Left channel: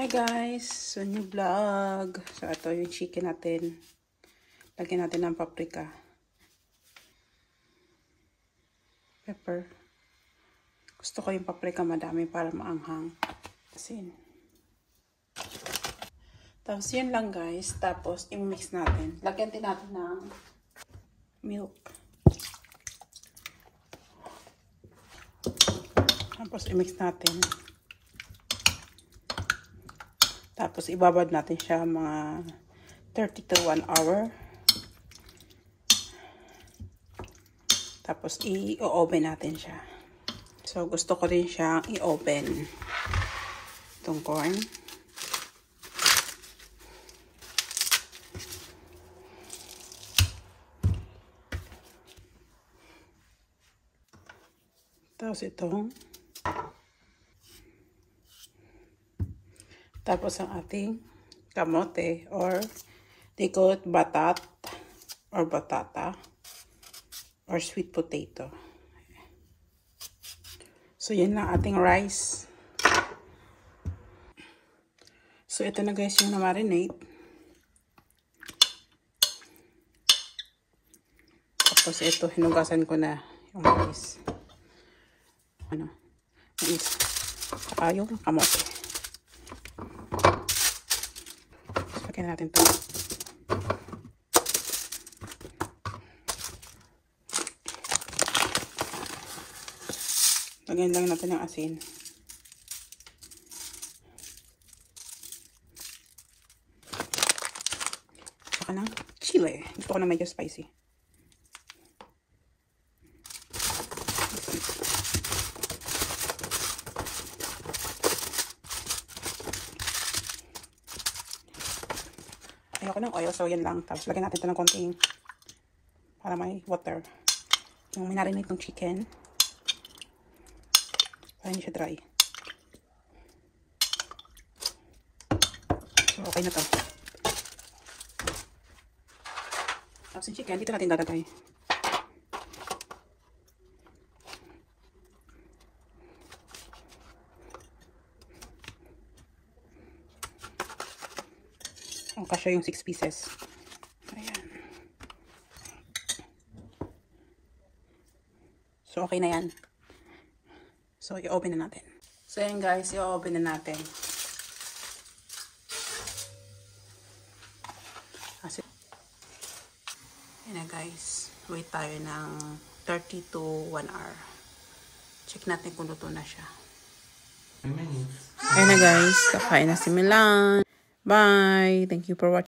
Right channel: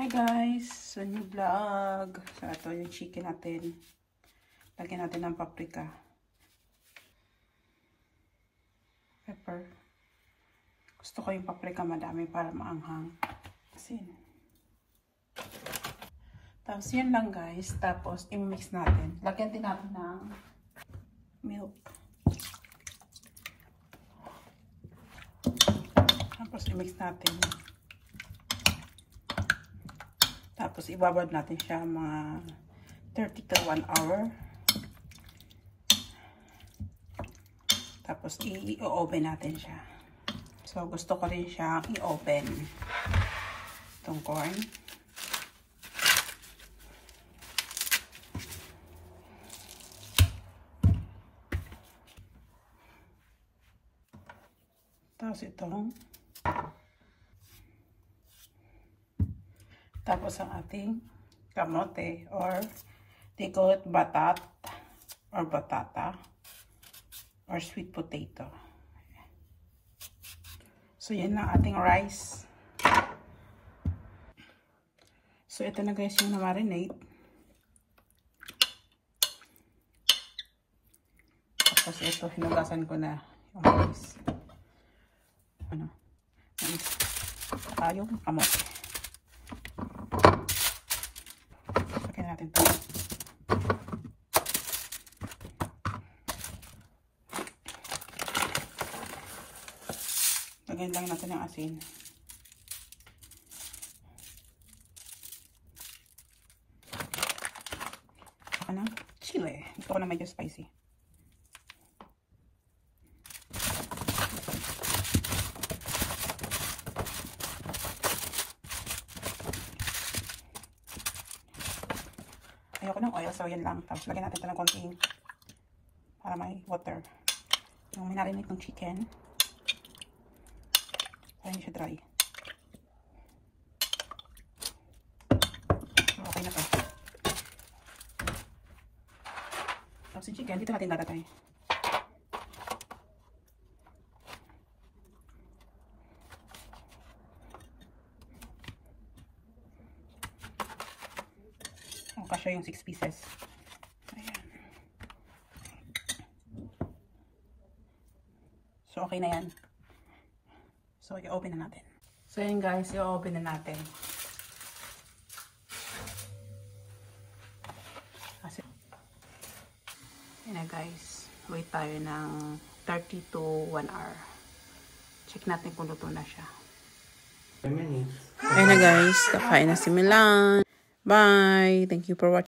Hi guys! So new vlog. So ito yung chicken natin. Lagyan natin ng paprika. Pepper. Gusto ko yung paprika madami para maanghang. Asin. Tapos yun lang guys. Tapos i-mix natin. Lagyan din natin ng milk. Tapos i-mix natin. Tapos ibabad natin siya mga 30 to 1 hour. Tapos i-open natin siya. So gusto ko rin siya i-open. Itong corn. Tapos itong tapos ang ating kamote or they call it batat or batata or sweet potato. So yun na ating rice. So ito na guys yung na-marinate. Tapos ito hinugasan ko na yung rice. This yung kamote. Lagyan natin ito. Lagyan lang natin ng asin. Saka ng chile. Gusto ko na medyo spicy. Ayoko ng oil, so yan lang. Tapos lagyan natin ito ng konting para may water. Yung minarinate ng chicken. Para hindi siya dry. So, okay na to. Tapos yung chicken, dito natin dadagay. Kasya yung 6 pieces. Ayan. So, okay na yan. So, i-open na natin. So, yan guys, i-open na natin. Kasi, yan na guys. Wait tayo ng 30 to 1 hour. Check natin kung luto na siya. Ayan na guys. Kakain na si Milan. Bye. Thank you for watching.